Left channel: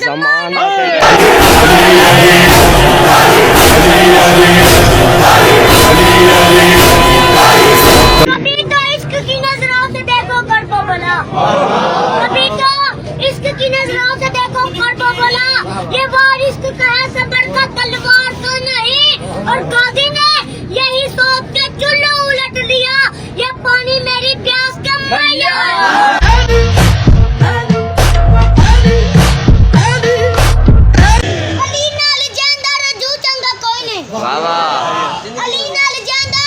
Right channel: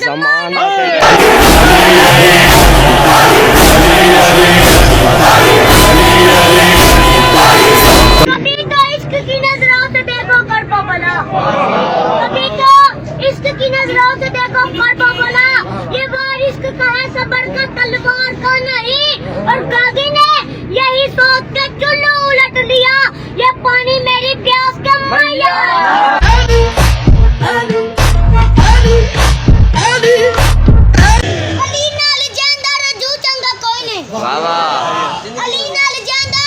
जमाना कभी तो इश्क की नजरों से देखो कड़बो भला, कभी तो इश्क की नजरों से देखो कड़बो भला। ये वार इश्क का है सबर का, तलवार का नहीं। और गाजी ने यही सोच के चुल्लू उलट दिया, ये पानी मेरी प्यास के मैया। अली नाल जांदा रजू चंगा कोई नहीं, अली नाल जांदा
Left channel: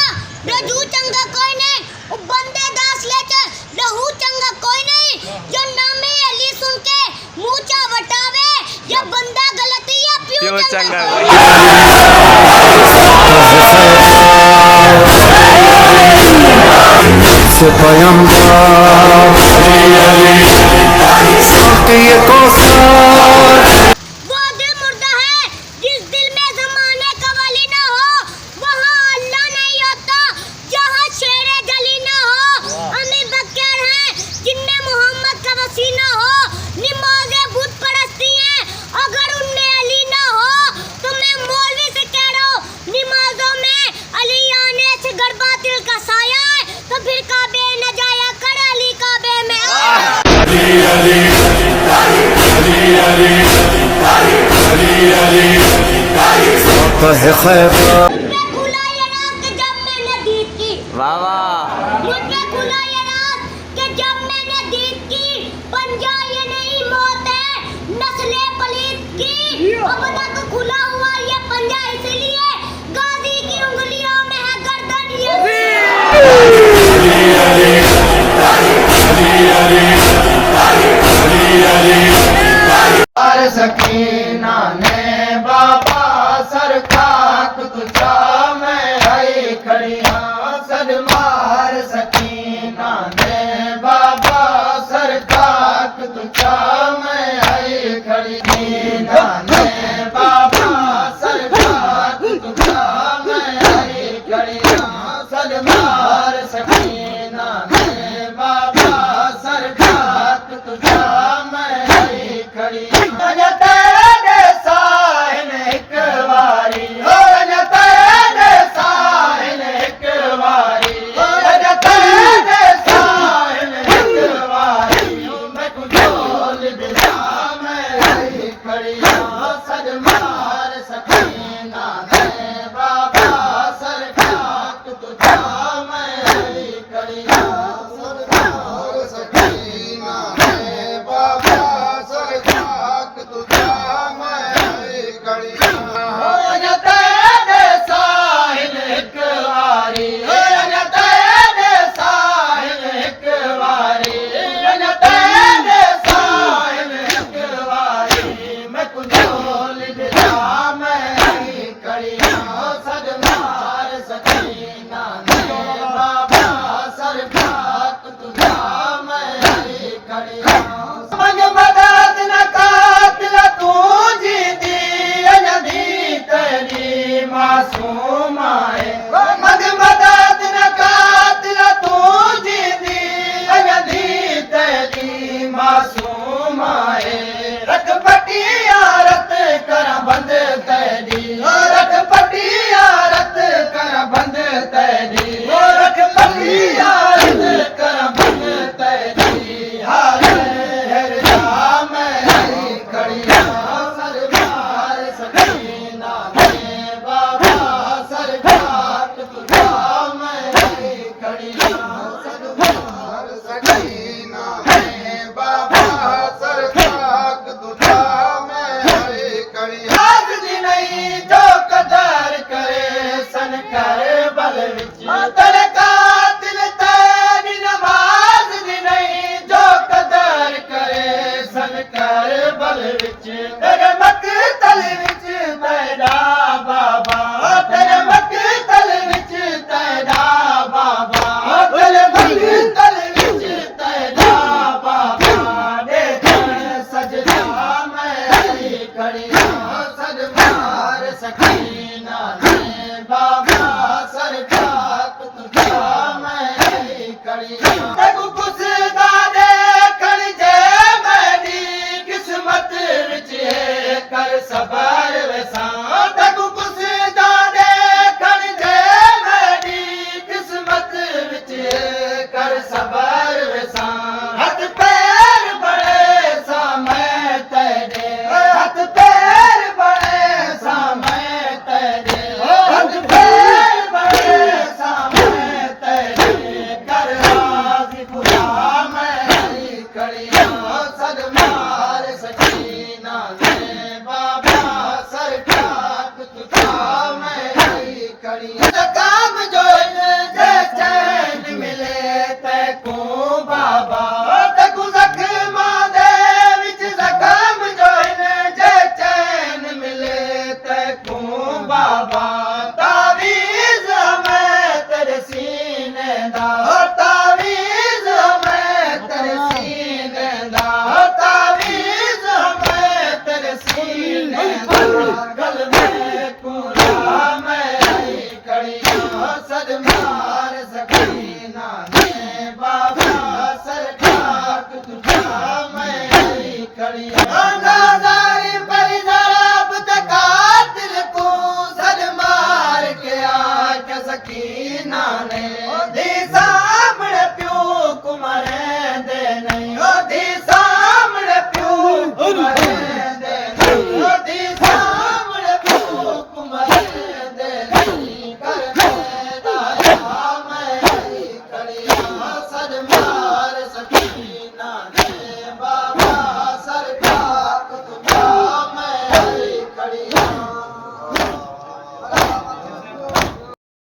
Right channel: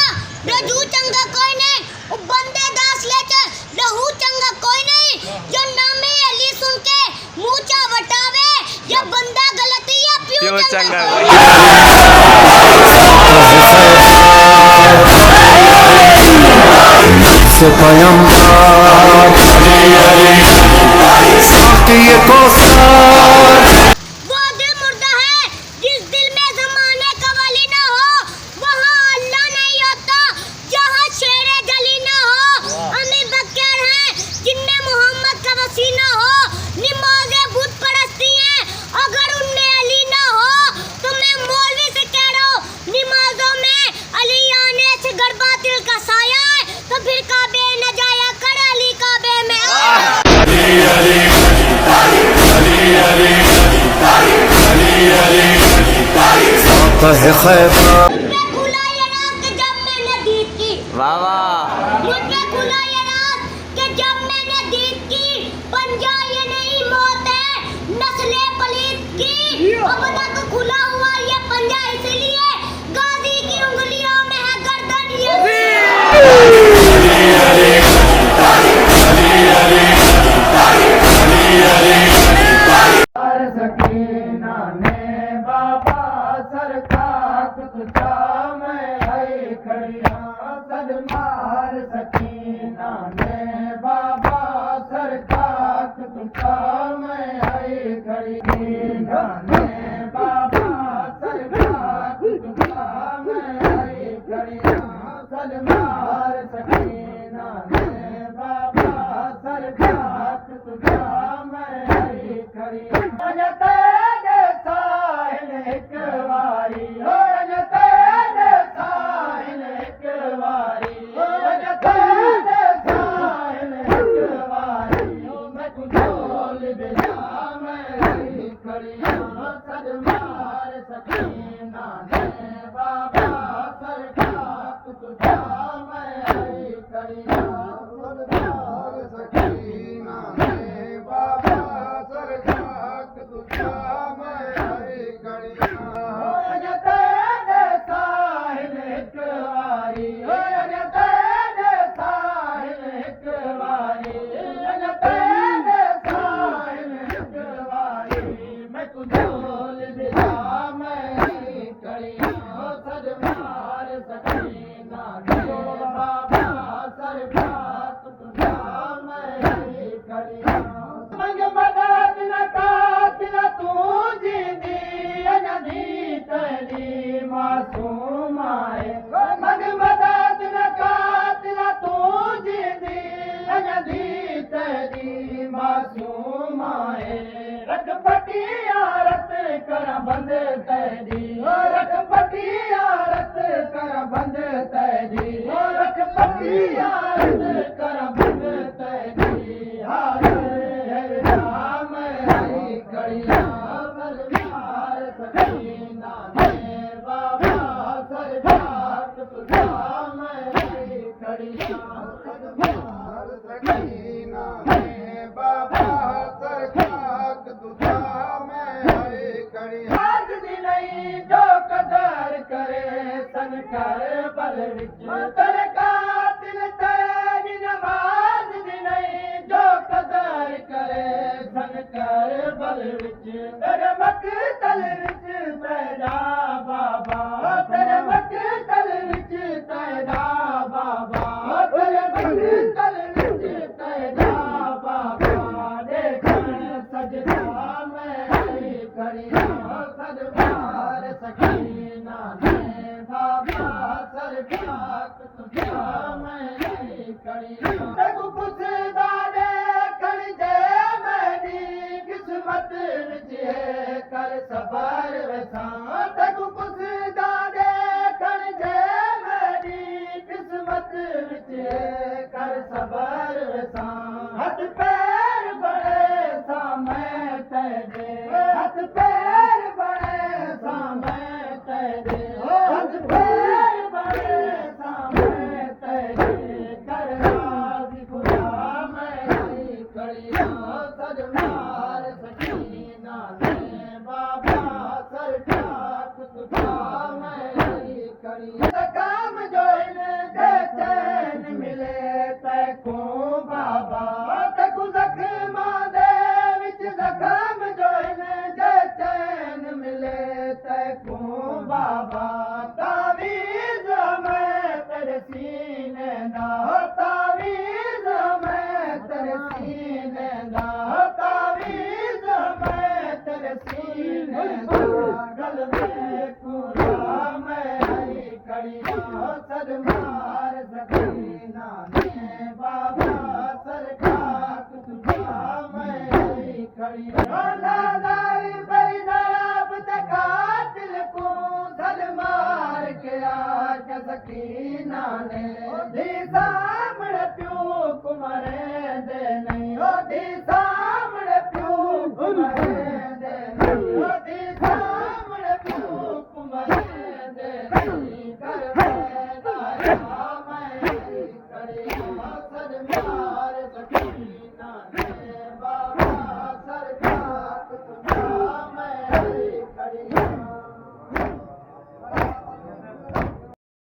रजू चंगा कोई नहीं। ओ बंदे दास ले च लहू चंगा कोई नहीं। जो नामे अली सुन के मुंह चा वटावे, या बंदा गलती या प्यो चंगा कोई से पैगंबर साथ ये कौसर। वो दिल मुर्दा है जिस दिल में ज़माने का वली ना हो, वहाँ अल्लाह नहीं होता जहाँ शेरे जली ना हो। हमें बकैर हैं जिनमें मोहम्मद का वसी ना हो, नमाज़ें बुत परस्ती हैं अगर उनमें अली ना हो। तो मैं मौलवी से कह रहा हूँ, नमाजों में अली आने से गरबा दिल का साया है, तो फिर काबे न जाया कर अली काबे में आ। है खैबर मुझ पे खुला ये रात के जब मैंने दीद की, मुझ पे खुला ये रात के जब मैंने दीद की। पंजा ये नहीं मौत है नस्ले पलीद की। अब तक खुला हुआ ये पंजा इसलिए गाजी की उंगलियों में है गर्दन ये। सकीना ने बाबा सरकार तुझा मैं आई खड़ी हाँ सदमार। सकीना ने बाबा सरकार तुझा मैं आई खड़ी ना ने बाबा सरकार तुझा मैं आई खड़ी हाँ सदमार। सकीना ने बाबा सरकार तुझा मैं आई खड़ी किस्मत विच खड़ियां सदमार सकीना ने बाबा सरकार तुझा मैं आई खड़ियां जकाम जोइन जे चैन मिले तैको बाबा तकु जख्मा दे विच जकाम जोइन जे चैन मिले तैको बाबा तावीज़ मैं तेरे सीने दा तावीज़ मैं तेरे सीने दा तावीज़ मैं तेरे सीने दा गल में कुरा मैं आई खड़ियां सदमार सकीना ने बाबा सरकार तुझा मैं आई खड़ियां